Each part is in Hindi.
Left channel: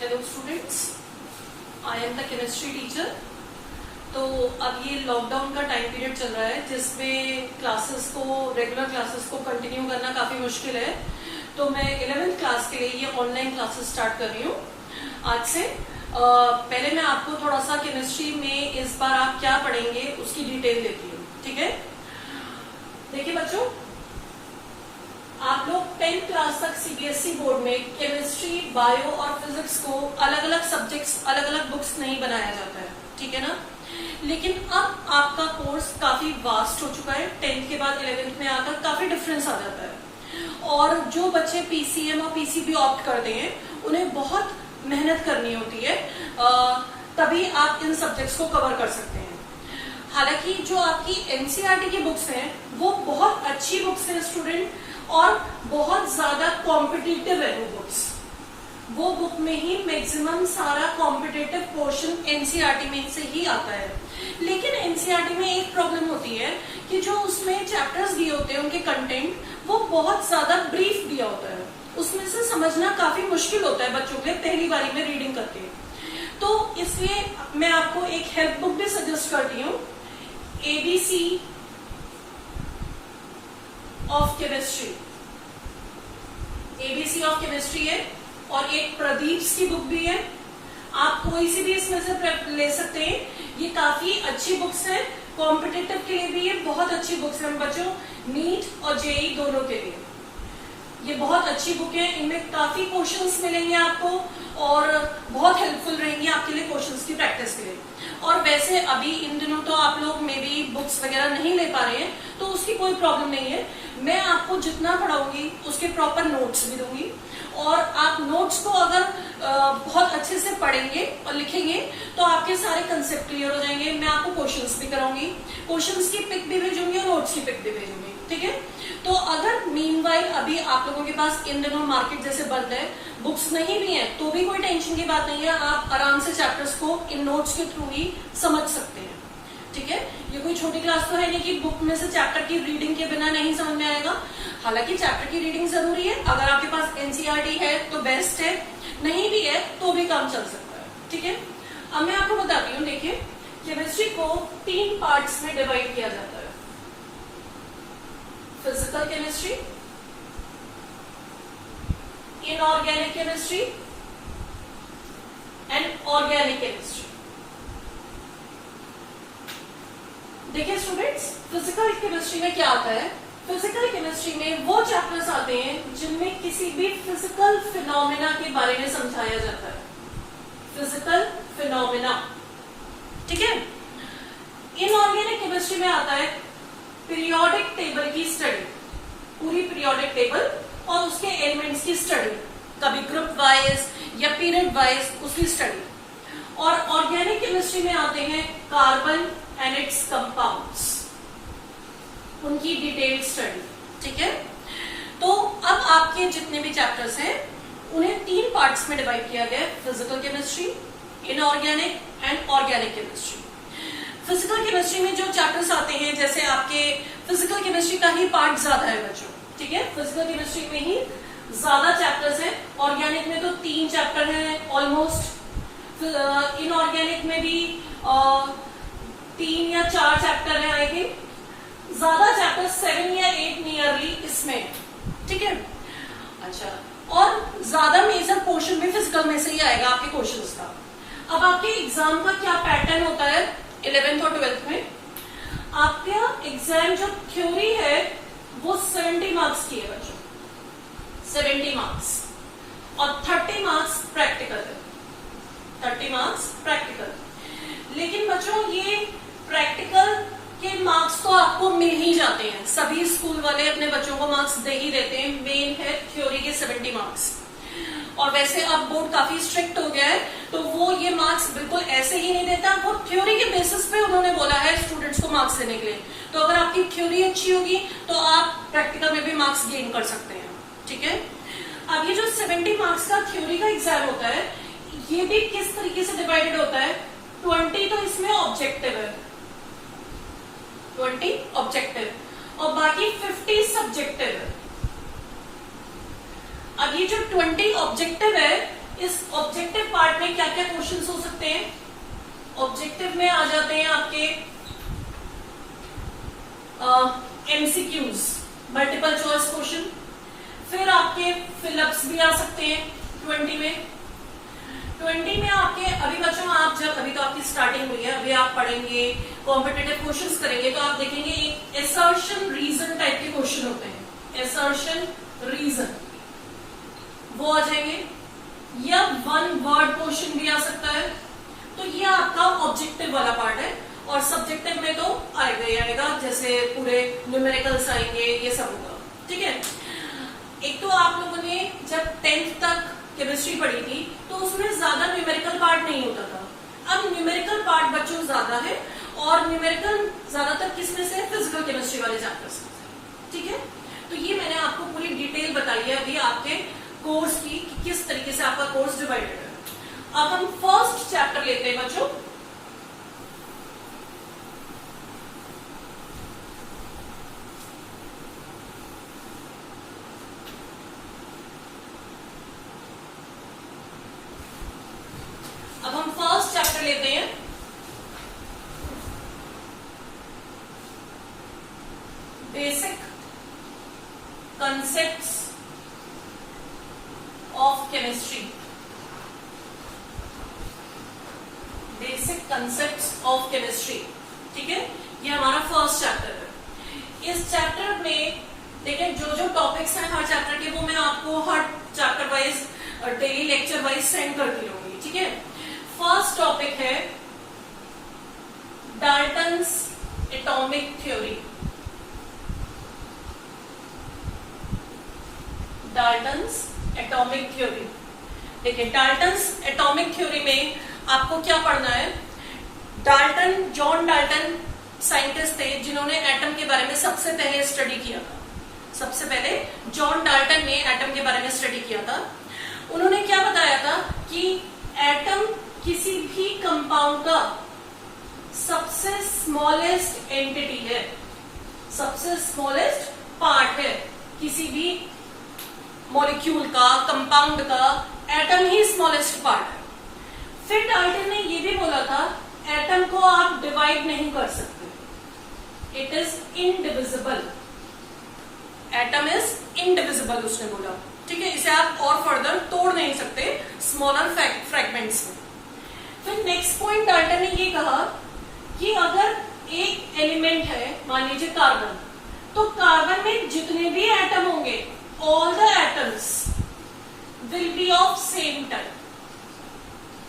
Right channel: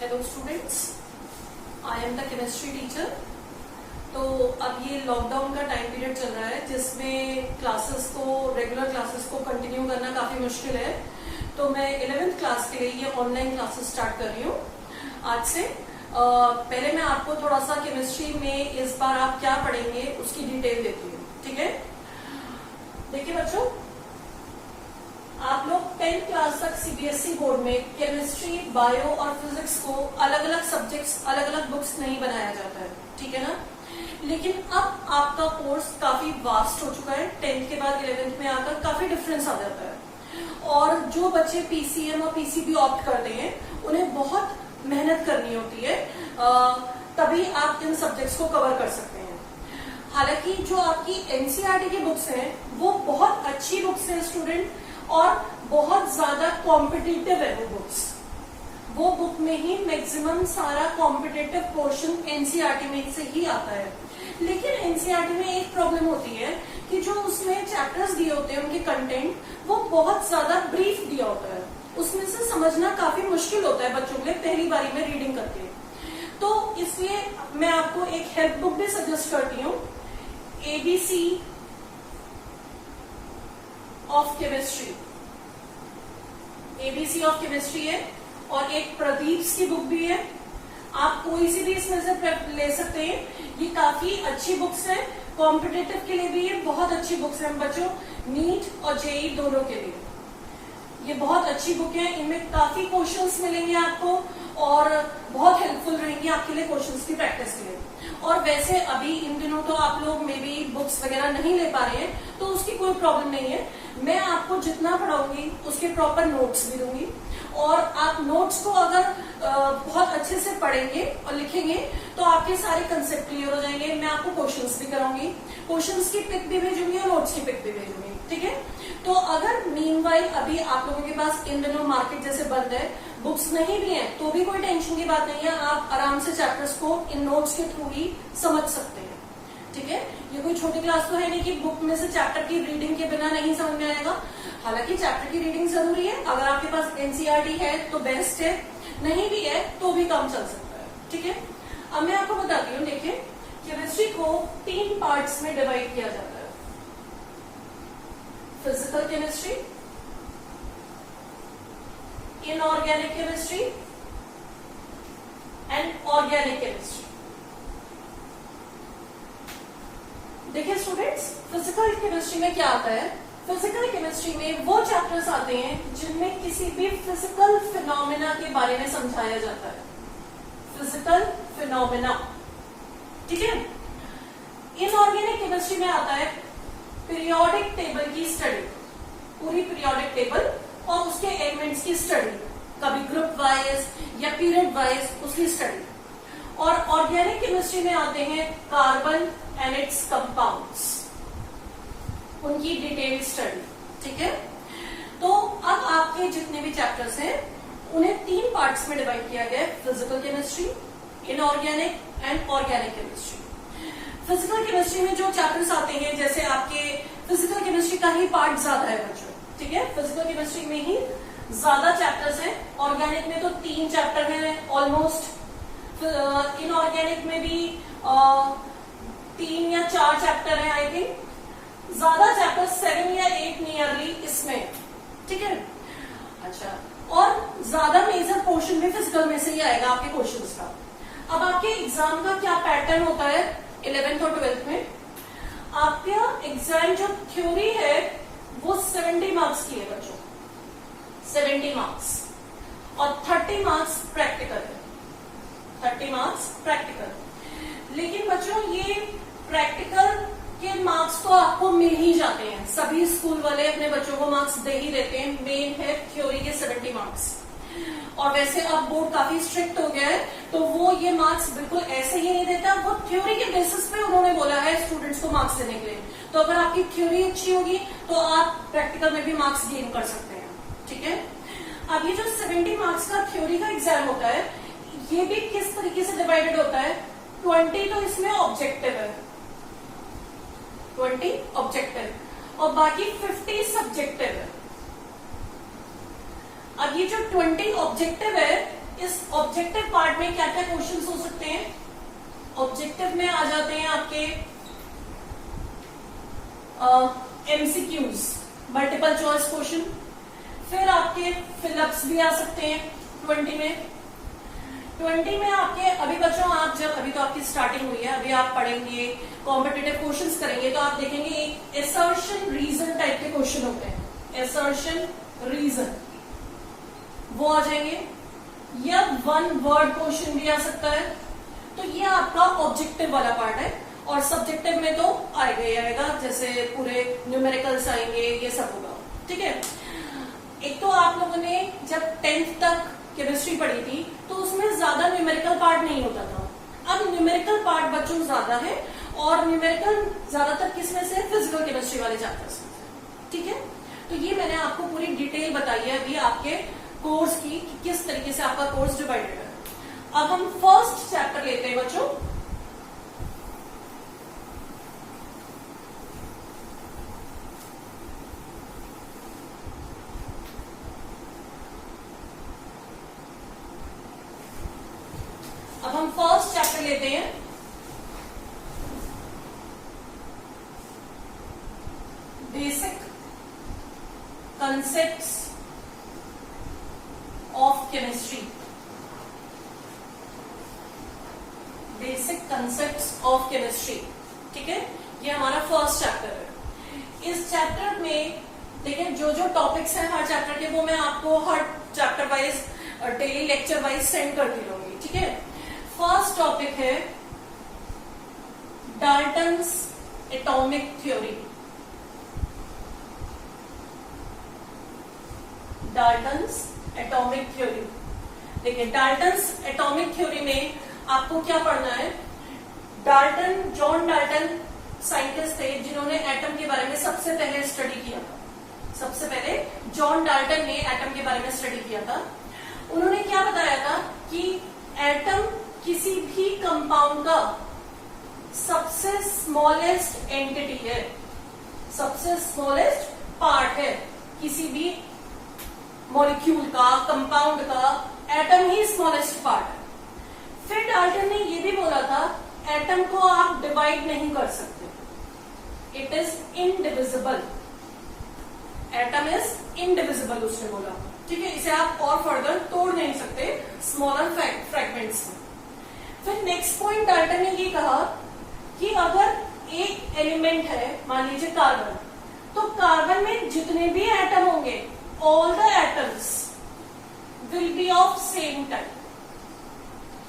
Hello students, I am the chemistry teacher. तो अब ये लॉकडाउन का टाइम पीरियड चल रहा है जिसमें रेगुलर क्लासेस को कंटिन्यू करना काफी मुश्किल है। तो मैं 11th क्लास के लिए ये ऑनलाइन क्लासेस स्टार्ट कर रही हूँ आज से। पहले मैं आपको थोड़ा सा केमिस्ट्री में इस बार आप क्या पढ़ेंगे उसकी डिटेल देती हूँ, ठीक है। देखिए बच्चों, आप लोग 10th क्लास तक सीबीएसई बोर्ड में केमिस्ट्री, बायो और फिजिक्स को अलग अलग सब्जेक्ट्स, अलग अलग बुक्स नहीं बनाया जाता है, ठीक है ना। लेकिन अब आपका कोर्स काफी वास्ट हो चुका है। 10th के बाद 11th में आकर काफी डिफरेंस आ जाता है और जो बच्चे पीसीएम और पीसीबी ऑप्ट करते हैं उन्हें बहुत मेहनत करनी होती है, तभी आप इन सब्जेक्ट्स को कवर कर सकते हैं। हालांकि जो आपकी एनसीईआरटी की बुक्स हैं वो बहुत अच्छी बुक्स हैं स्टूडेंट, और बहुत ज्यादा कॉम्पिटिटिव है वो बुक्स। वो बुक में ही मैक्सिमम सारा कॉम्पिटिटिव पोर्शन एनसीईआरटी में से ही आता है। लेकिन एनसीईआरटी में एक प्रॉब्लम होती है कि जो उसमें चैप्टर्स दिए होते हैं उनके कंटेंट वो बहुत ज्यादा ब्रीफ दिया होता है, उसमें से समझना काफी मुश्किल होता है बच्चों के लिए पहली बारी में रीडिंग करके। तो इसलिए मैं आपको एक हेल्प बुक भी सजेस्ट करती हूँ, ABC of chemistry. ABC of chemistry है और एक प्रदीप की बुक भी है। आप कोई सी भी इसमें से ले सकते हैं। ये काफी अच्छी बुक्स है, कॉम्पिटिटिव के लिए भी ये बहुत अच्छी बुक्स है बच्चों, नीट और जेई दोनों के लिए ये बहुत अच्छी बुक है। इनमें काफी क्वेश्चंस मिलेंगे आपको और बहुत हेल्पफुल रहेंगी आपके लिए क्वेश्चंस की प्रैक्टिस के लिए। और वैसे अभी इन दिनों तो आप लोग में भी बुक्स वगैरह नहीं ले पा रहे हैं, तो उसकी कोई प्रॉब्लम नहीं है। मैं आपको जितना पढ़ाऊंगी उसके प्रॉपर नोट्स भी दूंगी, और आप नोट्स को अगर बहुत अच्छे से पढ़ेंगे और लिखेंगे तो आपके सारे कंसेप्ट क्लियर हो जाएंगे। मैं आपको क्वेश्चंस भी कराऊंगी, क्वेश्चंस की पिक भी भेजूंगी और नोट्स की पिक भी भेजूंगी, ठीक है। तो अगर मीनवाइल अभी आप लोगों के पास इन दिनों मार्केट जैसे बंद है, बुक्स नहीं भी है, तो भी कोई टेंशन की बात नहीं है। आप आराम से चैप्टर्स को इन नोट्स के थ्रू ही समझ सकते हैं, ठीक है। ये कोई छोटी क्लास तो है नहीं कि बुक में से चैप्टर की रीडिंग के बिना नहीं समझ में आएगा। हालांकि चैप्टर की रीडिंग जरूरी है, अगर आपके पास एनसीईआरटी है तो बेस्ट है, नहीं भी है तो भी काम चल सकता है, ठीक है। अब मैं आपको बताती हूँ, देखिए केमिस्ट्री को 3 पार्ट्स में डिवाइड किया जाता है। Physical chemistry, inorganic chemistry and organic chemistry. देखिए स्टूडेंट्स, फिजिकल केमिस्ट्री में क्या आता है। फिजिकल केमिस्ट्री में वो चैप्टर्स आते हैं जिनमें किसी भी फिजिकल फिनोमेना के बारे में समझाया जाता है। फिजिकल फिनोमेना, ठीक है। इनऑर्गेनिक केमिस्ट्री में आता है पीरियोडिक टेबल की स्टडी, पूरी पीरियोडिक टेबल और उसके एलिमेंट्स की स्टडी, कभी ग्रुप वाइज या पीरियड वाइज उसकी स्टडी। और ऑर्गेनिक केमिस्ट्री में आते हैं कार्बन एंड इट्स कंपाउंड्स, उनकी डिटेल्ड स्टडी, ठीक है। तो अब आपके जितने भी चैप्टर्स हैं उन्हें 3 पार्ट्स में डिवाइड किया गया है, physical chemistry, inorganic and organic chemistry. Physical chemistry में जो चैप्टर्स आते हैं, जैसे आपके फिजिकल केमिस्ट्री का ही पार्ट ज्यादा है बच्चों, ठीक है। फिजिकल केमिस्ट्री में ही ज्यादा चैप्टर्स हैं। ऑर्गेनिक में तो 3 चैप्टर हैं ऑलमोस्ट, इनऑर्गेनिक में भी 3 या 4 चैप्टर हैं आई थिंक, ज्यादा चैप्टर 7 या 8 नियरली इसमें, ठीक है। अच्छा, और ज्यादा मेजर पोर्शन भी फिजिकल में से ही आएगा आपके क्वेश्चंस का। अब आपके एग्जाम का क्या पैटर्न होता है 11th और 12th में। आपका एग्जाम जो थ्योरी है वो 70 मार्क्स की है बच्चों, 70 मार्क्स, और 30 मार्क्स प्रैक्टिकल है, 30 मार्क्स प्रैक्टिकल। लेकिन बच्चों ये प्रैक्टिकल के मार्क्स तो आपको मिल ही जाते हैं, सभी स्कूल वाले अपने बच्चों को मार्क्स दे ही देते हैं। मेन है थ्योरी के 70 मार्क्स, और वैसे अब बोर्ड काफी स्ट्रिक्ट हो गया है तो वो ये मार्क्स बिल्कुल ऐसे ही नहीं देता, वो थ्योरी के बेसिस पे उन्होंने बोला है स्टूडेंट्स को मार्क्स देने के लिए। तो अगर आपकी थ्योरी अच्छी होगी तो आप प्रैक्टिकल में भी मार्क्स गेन कर सकते हैं, ठीक है। अब ये जो 70 मार्क्स का थ्योरी का एग्जाम होता है, ये भी किस तरीके से डिवाइडेड होता है। 20 तो इसमें ऑब्जेक्टिव है, 20 ऑब्जेक्टिव और बाकी 50 सब्जेक्टिव है। अब ये जो 20 ऑब्जेक्टिव है इस ऑब्जेक्टिव पार्ट में क्या क्या क्वेश्चन हो सकते हैं? ऑब्जेक्टिव में आ जाते हैं आपके एमसीक्यूज, मल्टीपल चॉइस क्वेश्चन, फिर आपके फिलअप्स भी आ सकते हैं 20 में। 20 में आपके अभी बच्चों आप जब अभी तो आपकी स्टार्टिंग हुई है, अभी आप पढ़ेंगे कॉम्पिटिटिव क्वेश्चंस करेंगे तो आप देखेंगे एक एसर्शन रीजन टाइप के क्वेश्चन होते हैं, एसर्शन रीजन वो आ जाएंगे, या वन वर्ड क्वेश्चन भी आ सकता है। तो ये आपका ऑब्जेक्टिव वाला पार्ट है, और सब्जेक्टिव में तो आएगा ही आएगा, जैसे पूरे न्यूमेरिकल्स आएंगे, ये सब होगा, ठीक है। एक तो आप लोगों ने जब 10th तक केमिस्ट्री पढ़ी थी तो उसमें ज्यादा न्यूमेरिकल पार्ट नहीं होता था। अब न्यूमेरिकल पार्ट बच्चों ज्यादा है, और न्यूमेरिकल ज्यादातर किसमें से? फिजिकल केमिस्ट्री वाले चैप्टर्स में, ठीक है। तो ये मैंने आपको पूरी डिटेल बताई है अभी आपके कोर्स की कि किस तरीके से आपका कोर्स डिवाइडेड है। अब हम फर्स्ट चैप्टर लेते हैं बच्चों। अब हम फर्स्ट चैप्टर लेते हैं, basic concepts of chemistry, basic concepts of chemistry, ठीक है। ये हमारा फर्स्ट चैप्टर है। इस चैप्टर में देखिए जो जो टॉपिक्स हैं हर चैप्टर के, वो मैं आपको हर chapter wise daily lecture wise send करती रहूंगी, ठीक है। फर्स्ट टॉपिक है Dalton's atomic theory, Dalton's atomic theory. देखिए डाल्टन्स एटॉमिक थ्योरी में आपको क्या पढ़ना है? डाल्टन, जॉन डाल्टन साइंटिस्ट थे जिन्होंने एटम के बारे में सबसे पहले स्टडी किया था। सबसे पहले जॉन डाल्टन ने एटम के बारे में स्टडी किया था। उन्होंने क्या बताया था कि एटम किसी भी कंपाउंड का सबसे स्मॉलेस्ट एंटिटी है, सबसे स्मॉलेस्ट पार्ट है किसी भी मॉलिक्यूल का, कंपाउंड का एटम ही स्मॉलेस्ट पार्ट है। फिर डाल्टन ने यह भी बोला था एटम को आप डिवाइड नहीं कर सकते, it is indivisible, atom is indivisible उसने बोला, ठीक है। इसे आप और फर्दर तोड़ नहीं सकते स्मॉलर फ्रैगमेंट्स में। फिर नेक्स्ट पॉइंट डाल्टन ने ये कहा कि अगर एक एलिमेंट है, मान लीजिए कार्बन, तो कार्बन में जितने भी एटम होंगे, all the atoms will be of same type,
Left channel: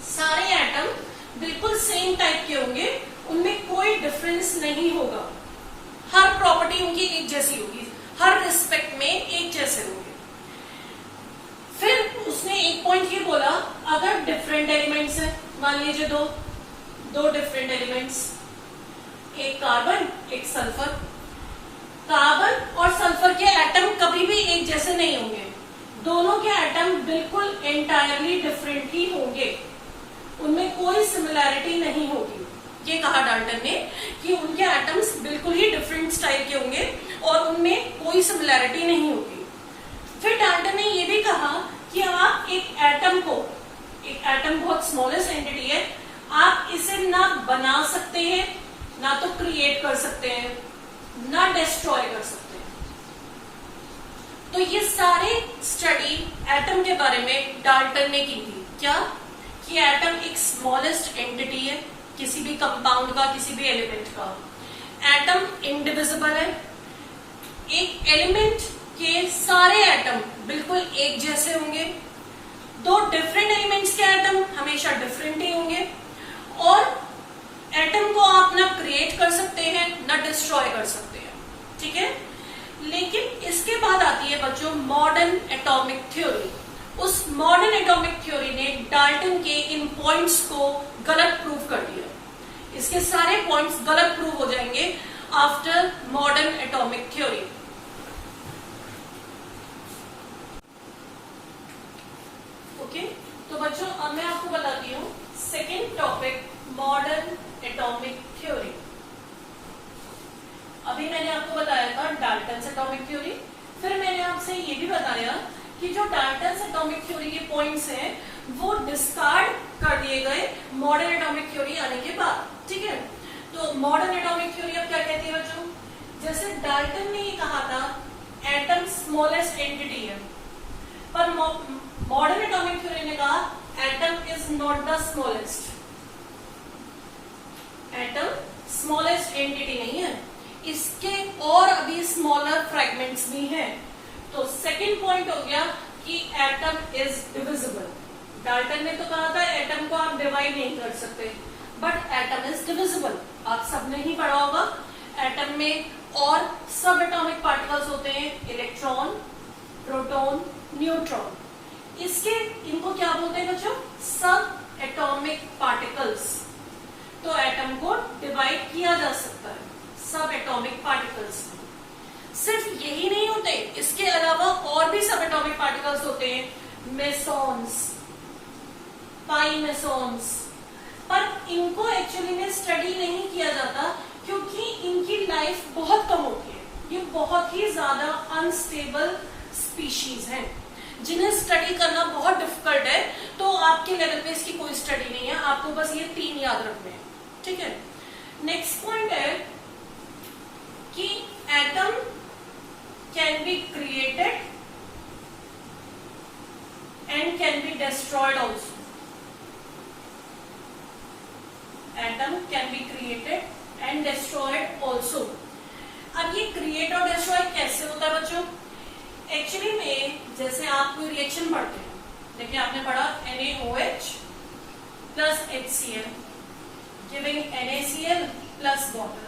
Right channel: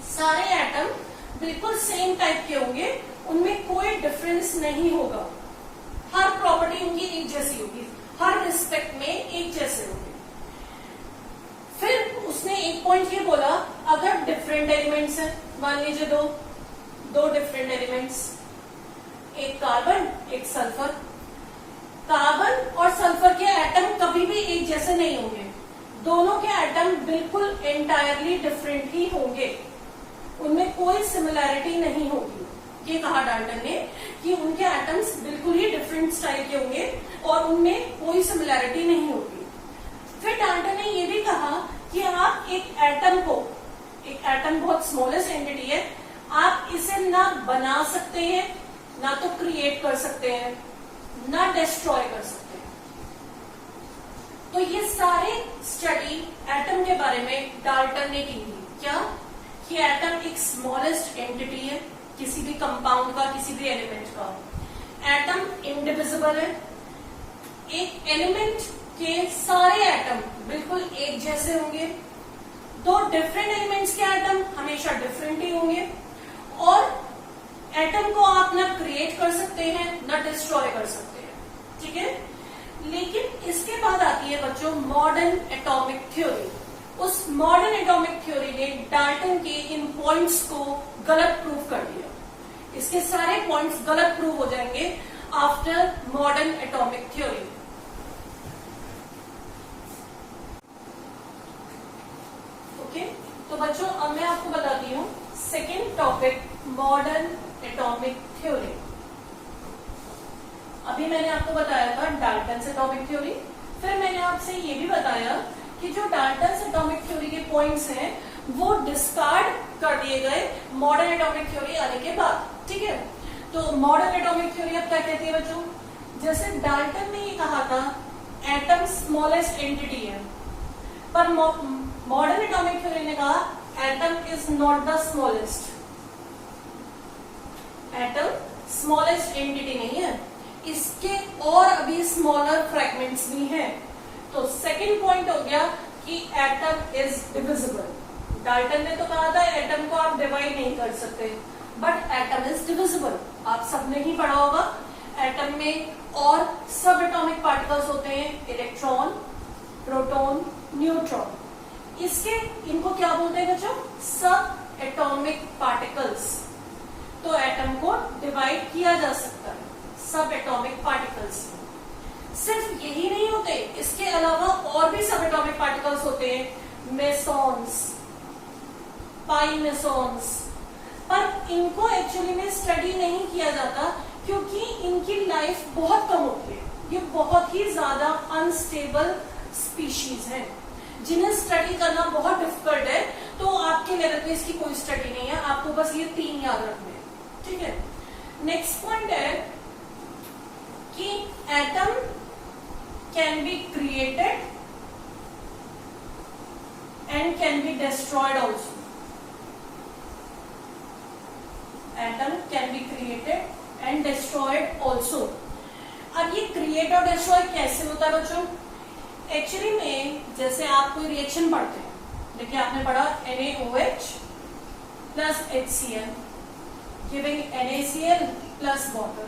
सारे एटम बिल्कुल सेम टाइप के होंगे, उनमें कोई डिफरेंस नहीं होगा, हर प्रॉपर्टी उनकी एक जैसी होगी, हर रिस्पेक्ट में एक जैसे होंगे। फिर उसने एक पॉइंट ये बोला अगर डिफरेंट एलिमेंट्स हैं, मान लीजिए दो डिफरेंट एलिमेंट्स, एक कार्बन एक सल्फर, कार्बन और सल्फर के एटम कभी भी एक जैसे नहीं होंगे, दोनों के एटम बिल्कुल एंटायरली डिफरेंट ही होंगे, उनमें कोई सिमिलैरिटी नहीं होगी। ये कहा डाल्टन ने कि उनके एटम्स बिल्कुल ही डिफरेंट टाइप के होंगे और उनमें कोई सिमिलैरिटी नहीं होगी। फिर डाल्टन ने यह भी कहा कि आप एक एटम को, एक एटम बहुत स्मॉलेस्ट एंटिटी है, आप इसे ना बना सकते हैं, ना तो क्रिएट कर सकते हैं, ना डिस्ट्रॉय कर सकते हैं। तो ये सारे स्टडी एटम के बारे में डाल्टन ने की थी। क्या? कि एटम एक स्मॉलेस्ट एंटिटी है किसी भी कंपाउंड का, किसी भी एलिमेंट का, एटम इनडिविजिबल है, एक एलिमेंट के सारे एटम बिल्कुल एक जैसे होंगे, दो डिफरेंट एलिमेंट्स के एटम हमेशा डिफरेंट ही होंगे, और एटम को आप ना क्रिएट कर सकते हैं ना डिस्ट्रॉय कर सकते हैं, ठीक है। लेकिन इसके बाद आती है बच्चों मॉडर्न एटॉमिक थ्योरी। उस मॉडर्न एटॉमिक थ्योरी ने डाल्टन के इन पॉइंट्स को गलत प्रूव कर दिया। इसके सारे पॉइंट्स गलत प्रूव हो जाएंगे after modern atomic theory. Okay, तो बच्चों अब मैं आपको बताती हूँ second topic modern atomic theory. अभी मैंने आपको बताया था डाल्टन एटॉमिक थ्योरी, फिर मैंने आपसे ये भी बताया कि जो डाल्टन एटॉमिक थ्योरी के पॉइंट्स हैं वो डिस्कार्ड कर दिए गए मॉडर्न एटॉमिक थ्योरी आने के बाद। ठीक है, तो मॉडर्न एटॉमिक थ्योरी अब क्या कहती है बच्चों, जैसे डाल्टन ने ही कहा था एटम स्मॉलेस्ट एंटिटी है, पर मॉडर्न एटॉमिक थ्योरी ने कहा atom is not the smallest, atom smallest entity नहीं है, इसके और अभी स्मॉलर फ्रेगमेंट्स भी हैं। तो सेकंड पॉइंट हो गया कि एटम इज डिविजिबल। डाल्टन ने तो कहा था एटम को आप डिवाइड नहीं कर सकते, बट एटम इज डिविजिबल। आप सबने ही पढ़ा होगा एटम में और सब एटॉमिक पार्टिकल्स होते हैं, इलेक्ट्रॉन, प्रोटॉन, न्यूट्रॉन। इसके इनको क्या बोलते हैं बच्चों, सब एटॉमिक पार्टिकल्स। तो एटम को डिवाइड किया जा सकता है सब एटॉमिक पार्टिकल्स। सिर्फ यही नहीं होते, इसके अलावा और भी सब एटॉमिक पार्टिकल्स होते हैं, मेसॉन्स, पाई मेसॉन्स, पर इनको एक्चुअली में स्टडी नहीं किया जाता क्योंकि इनकी लाइफ बहुत कम होती है। ये बहुत ही ज्यादा अनस्टेबल स्पीशीज हैं जिन्हें स्टडी करना बहुत डिफिकल्ट है। तो आपके लेवल पे इसकी कोई स्टडी नहीं है, आपको बस ये 3 याद रखने हैं। ठीक है, नेक्स्ट पॉइंट है कि atom can be created and can be destroyed also. Atom can be created and destroyed also. अब ये क्रिएट और डिस्ट्रॉय कैसे होता है बच्चों, एक्चुअली में जैसे आप कोई रिएक्शन पढ़ते हैं, देखिए आपने पढ़ा NaOH plus HCl giving NaCl plus water.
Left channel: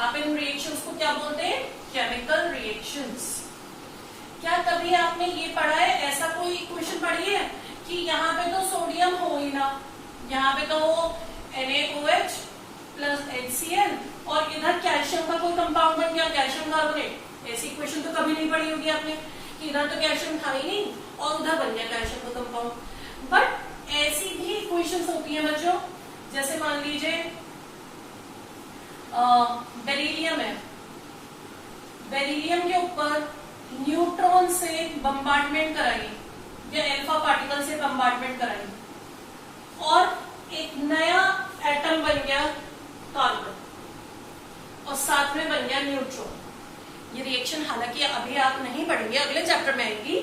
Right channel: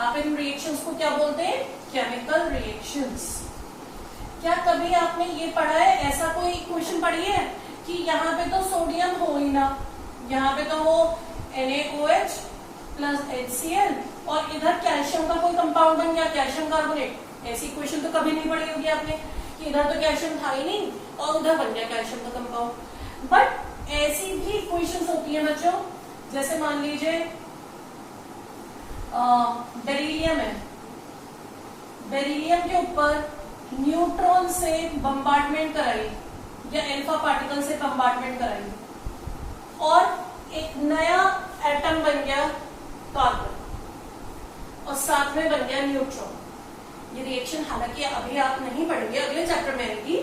आप इन रिएक्शंस को क्या बोलते हैं, केमिकल रिएक्शंस। क्या कभी आपने ये पढ़ा है, ऐसा कोई क्वेश्चन पढ़ी है कि यहाँ पे तो सोडियम हो ही ना, यहाँ पे तो NaOH प्लस HCl और इधर कैल्शियम का कोई कंपाउंड बन गया, कैल्शियम कार्बोनेट। ऐसी इक्वेशन तो कभी नहीं पढ़ी होगी आपने कि इधर तो कैल्शियम था ही नहीं और उधर बन गया कैल्शियम का कंपाउंड। बट ऐसी भी इक्वेशंस होती हैं बच्चों, जैसे मान लीजिए बेरिलियम है, बेरिलियम के ऊपर न्यूट्रॉन से बम्बार्डमेंट कराई या अल्फा पार्टिकल से बम्बार्डमेंट कराई और एक नया एटम बन गया कार्बन और साथ में बन गया न्यूट्रॉन। ये रिएक्शन हालांकि अभी आप नहीं पढ़ेंगे, अगले चैप्टर में आएगी।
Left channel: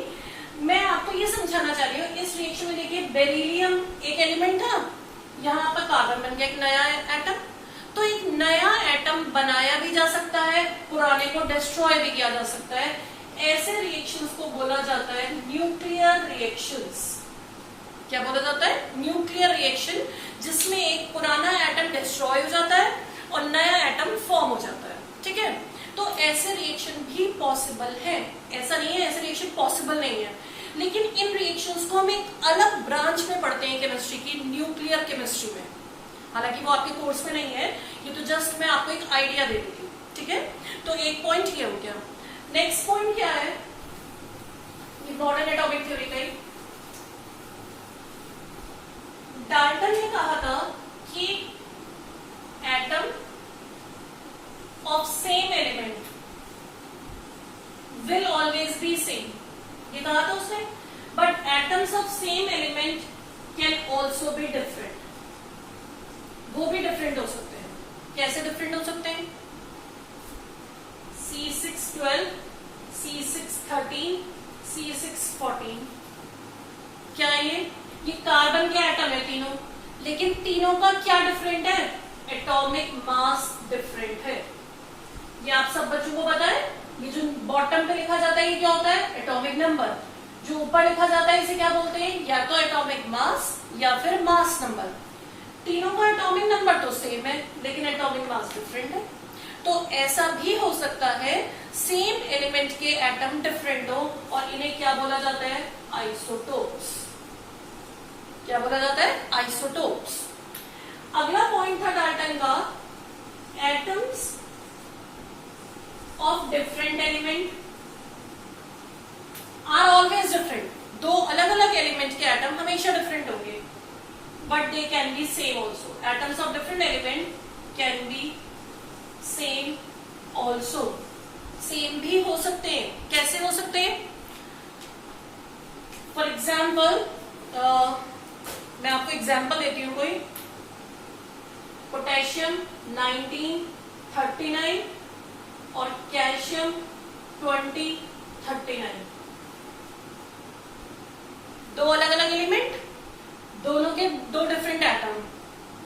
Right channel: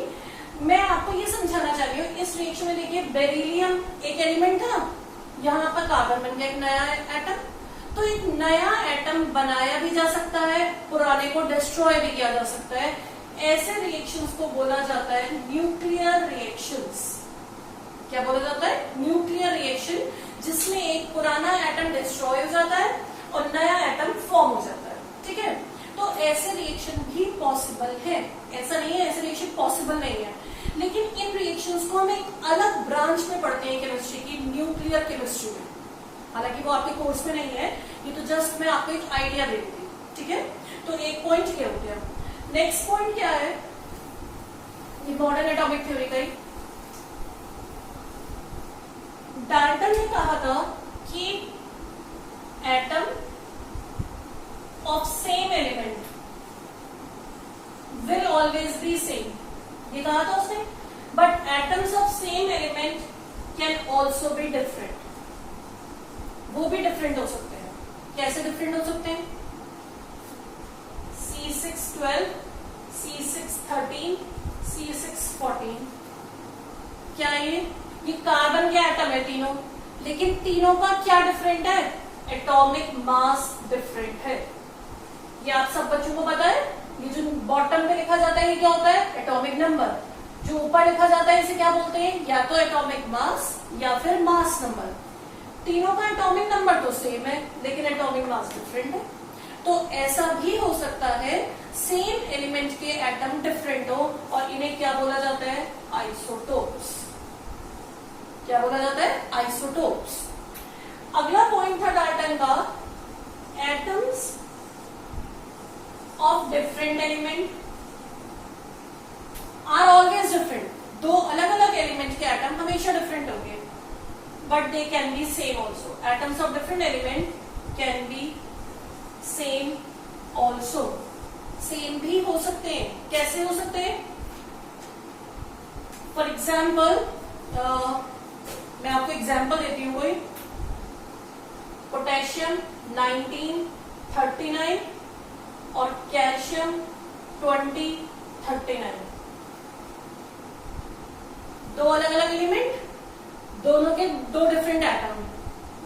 मैं आपको ये समझाना चाह रही हूँ, इस रिएक्शन में देखिए बेरिलियम एक एलिमेंट था, यहाँ पर कार्बन बन गया एक नया एटम। तो एक नया एटम बनाया भी जा सकता है, पुराने को डिस्ट्रॉय भी किया जा सकता है। ऐसे रिएक्शंस को बोला जाता है न्यूक्लियर रिएक्शंस। क्या बोला जाता है, न्यूक्लियर रिएक्शन, जिसमें एक पुराना एटम डिस्ट्रॉय हो जाता है और नया एटम फॉर्म हो जाता है। ठीक है, तो ऐसे रिएक्शन भी पॉसिबल है, ऐसा नहीं है ऐसे रिएक्शन पॉसिबल नहीं है, लेकिन इन रिएक्शंस को हम एक अलग ब्रांच में पढ़ते हैं केमिस्ट्री की, न्यूक्लियर केमिस्ट्री में। हालांकि वो आपके कोर्स में नहीं है, ये तो जस्ट मैं आपको एक आइडिया दे दूंगी। ठीक है, तो एक पॉइंट ये हो गया। नेक्स्ट पॉइंट क्या है, मॉडर्न एटॉमिक थ्योरी का ही डाल्टन ने कहा था कि atom of same element will always be same, ये कहा था उसने। But atoms of same element can also be different, वो भी डिफरेंट हो सकते हैं। कैसे डिफरेंट हो सकते हैं, C612, C613, C614। क्या ये कार्बन के एटम है तीनों, लेकिन तीनों का क्या डिफरेंट है, एटॉमिक मास डिफरेंट है। ये आप सब बच्चों को पता है। ये जो बॉटम पे लिखा जाता है ये क्या होता है, एटॉमिक नंबर। जो ऊपर लिखा जाता है इसे क्या बोलते हैं, या तो एटॉमिक मास या फिर मास नंबर। तीनों का एटॉमिक नंबर तो सेम है लेकिन एटॉमिक मास डिफरेंट है। तो ऐसा भी हो सकता है सेम एलिमेंट के एटम डिफरेंट हो और इन्हें क्या बोला जाता है, आइसोटोप्स। क्या बोला जाता है, आइसोटोप्स। अगला पॉइंट था डाल्टन का, atoms of different element are always different. दो अलग अलग एलिमेंट के एटम हमेशा डिफरेंट होंगे, but they can be same also. Atoms of different element can be same also, same भी हो सकते हैं। कैसे हो सकते हैं, फॉर एग्जाम्पल मैं आपको एग्जांपल देती हूँ कोई। पोटेशियम 1939 और कैल्शियम 2039, दो अलग अलग एलिमेंट, दोनों के दो डिफरेंट एटम,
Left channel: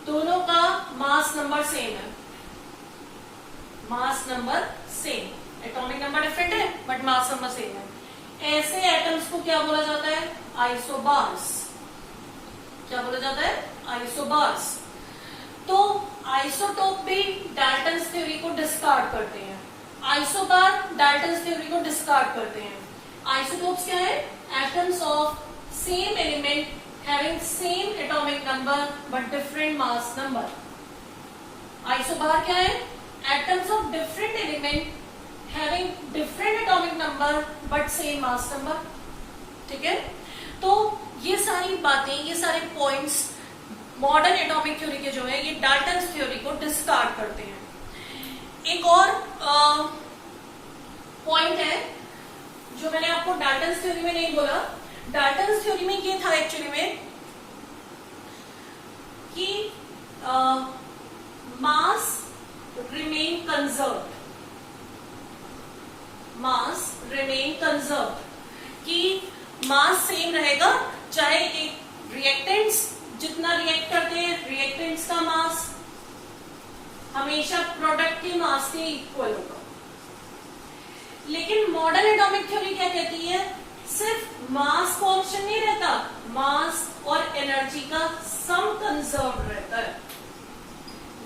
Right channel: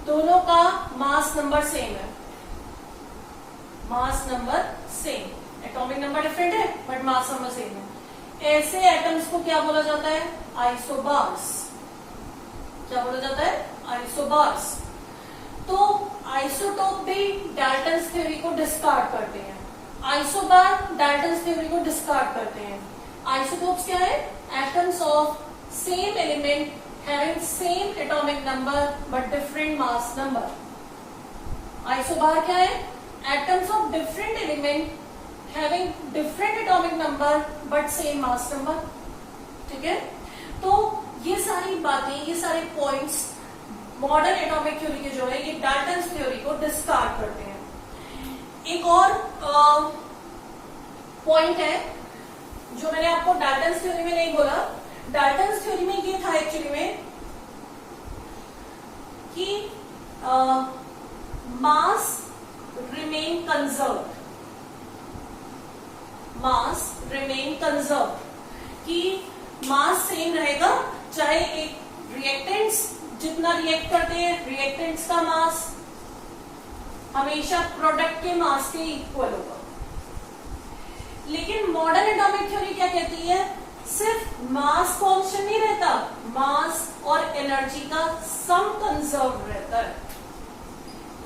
दोनों का मास नंबर सेम है, mass number same, atomic number different है बट मास नंबर सेम है। ऐसे एटम्स को क्या बोला जाता है? आइसोबार्स। क्या बोला जाता है? आइसोबार्स। तो आइसोटोप भी डाल्टन्स थ्योरी को डिस्कार्ड करते हैं, आइसोबार डाल्टन्स थ्योरी को डिस्कार्ड करते हैं। आइसोटोप्स क्या है? Atoms of same element having same atomic number but different mass number. Isobar क्या है? Atoms of different element having different atomic number but same mass number. ठीक है, तो ये सारी बातें, ये सारे पॉइंट्स मॉडर्न एटॉमिक थ्योरी के जो है ये डाल्टन्स थ्योरी को डिस्कार्ड करते हैं। एक और पॉइंट है जो मैंने आपको डाल्टन्स थ्योरी में नहीं बोला। डाल्टन्स थ्योरी में ये था एक्चुअली में कि मास रिमेन कंजर्व्ड, मास रिमेन कंजर्व्ड, कि मास सेम रहेगा चाहे एक रिएक्टेंट्स जितना रिएक्ट करते हैं, रिएक्टेंट्स का मास हमेशा प्रोडक्ट के मास के इक्वल होगा। लेकिन मॉडर्न एटॉमिक थ्योरी क्या कहती है? सिर्फ मास कांस्टेंट नहीं रहता, मास और एनर्जी का सम कंजर्व रहता है।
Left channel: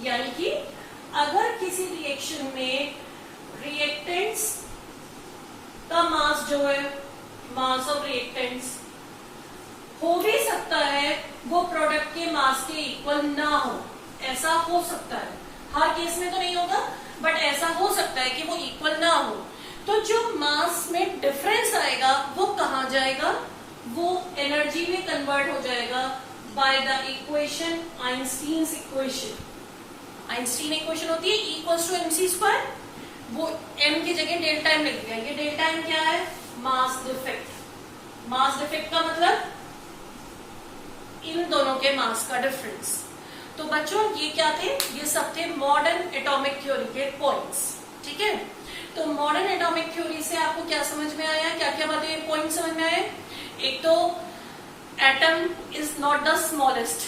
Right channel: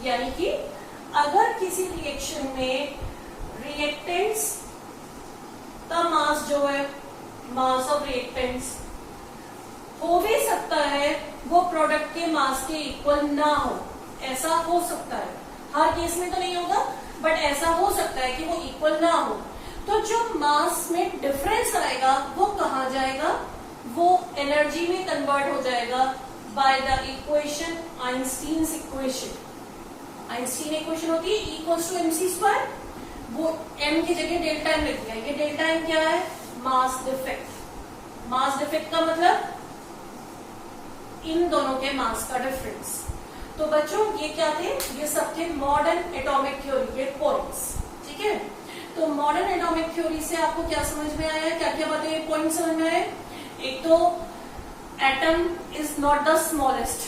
यानी कि अगर किसी रिएक्शन में रिएक्टेंट्स का मास जो है, मास ऑफ रिएक्टेंट्स हो भी सकता है वो प्रोडक्ट के मास के इक्वल ना हो, ऐसा हो सकता है, हर केस में तो नहीं होगा बट ऐसा हो सकता है कि वो इक्वल ना हो। तो जो मास में डिफरेंस आएगा वो कहाँ जाएगा? वो एनर्जी में कन्वर्ट हो जाएगा by the equation Einstein's equation. Einstein equation होती है E=mc², वो m की जगह डेल्टा m लिख दिया। ये डेल्टा m क्या है? Mass defect. मास डिफेक्ट का मतलब इन दोनों के मास का डिफरेंस। तो बच्चों ये क्या थे? ये सब थे मॉडर्न एटॉमिक थ्योरी के पॉइंट्स। ठीक है, तो मॉडर्न एटॉमिक थ्योरी से आपको क्या समझ में आया, क्या क्या बातें पॉइंट समझ में आए? एक तो atom is not the smallest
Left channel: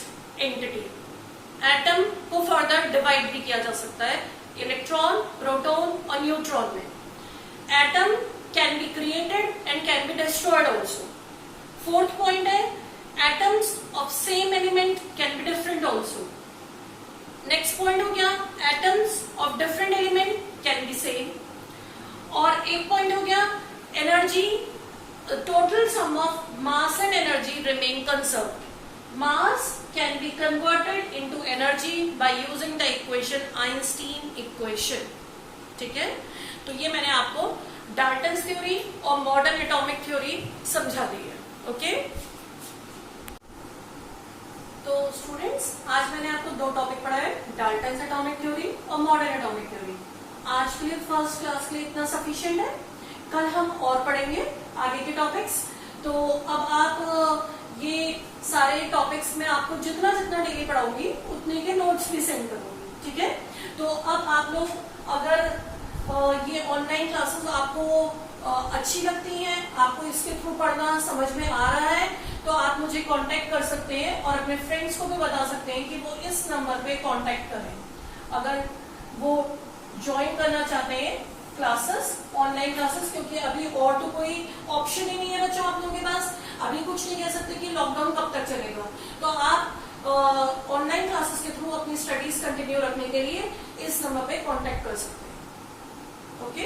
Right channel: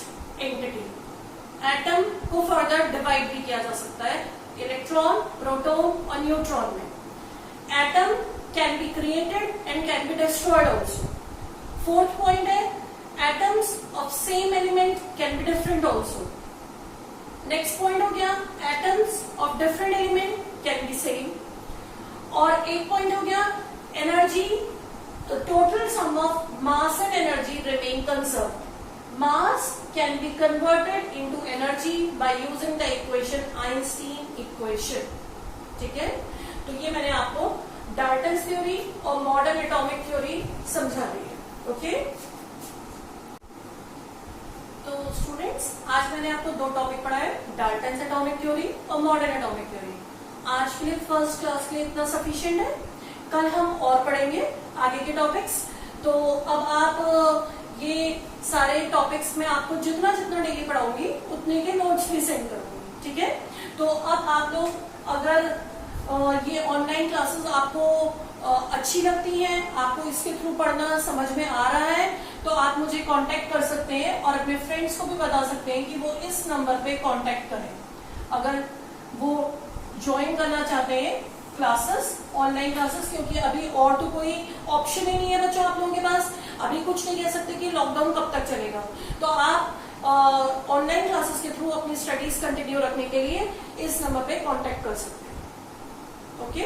entity, atom को फर्दर डिवाइड भी किया जा सकता है इलेक्ट्रॉन, प्रोटॉन और न्यूट्रॉन में। Atom can be created and can be destroyed also. Fourth point है atoms of same element can be different also. Next point हो गया atoms of different element can be same. और एक पॉइंट हो गया energy, total sum of mass and energy remain conserved. Mass can be converted into energy by using the equation Einstein equation. ठीक है, तो ये मैंने आपको डाल्टन्स थ्योरी और मॉडर्न एटॉमिक थ्योरी समझा दी है। ओके, तो स्टूडेंट्स आज मैंने आपको दो टॉपिक पढ़ाए, डाल्टन्स एटॉमिक थ्योरी और मॉडर्न एटॉमिक थ्योरी। आज के लिए फर्स्ट क्लास के लिए इतना सफिशिएंट है, कल हम और पढ़ेंगे आगे के टॉपिक्स। तो अब आप ये सारे टॉपिक्स में आपको जितना जितना डेली पढ़ाऊंगी उतने के नोट्स भी सेंड करूंगी। ठीक है, तो अब आप लोग अगर ये ऑनलाइन क्लासेस आपको अच्छी लगती हैं, आपको इसके थ्रू पढ़ना समझ में आ रहा है, तो आप मुझे कांटेक्ट कर सकते हैं और अपने फ्रेंड्स को भी बता सकते हैं कि वो इस नंबर पे कांटेक्ट करें अगर वो ज्वाइन करना चाहते हैं क्लासेस, ऑनलाइन क्लासेस। क्योंकि अभी और तो कोई ऑप्शन ही नहीं है बच्चों आप लोगों के पास, अभी कुछ नहीं कह सकते कि लॉकडाउन कब तक चलेगा। तो आप ऑनलाइन क्लासेस के थ्रू अपनी स्टडीज कंटिन्यू रखने के लिए इस नंबर पे कांटेक्ट कर सकते हैं। ओके।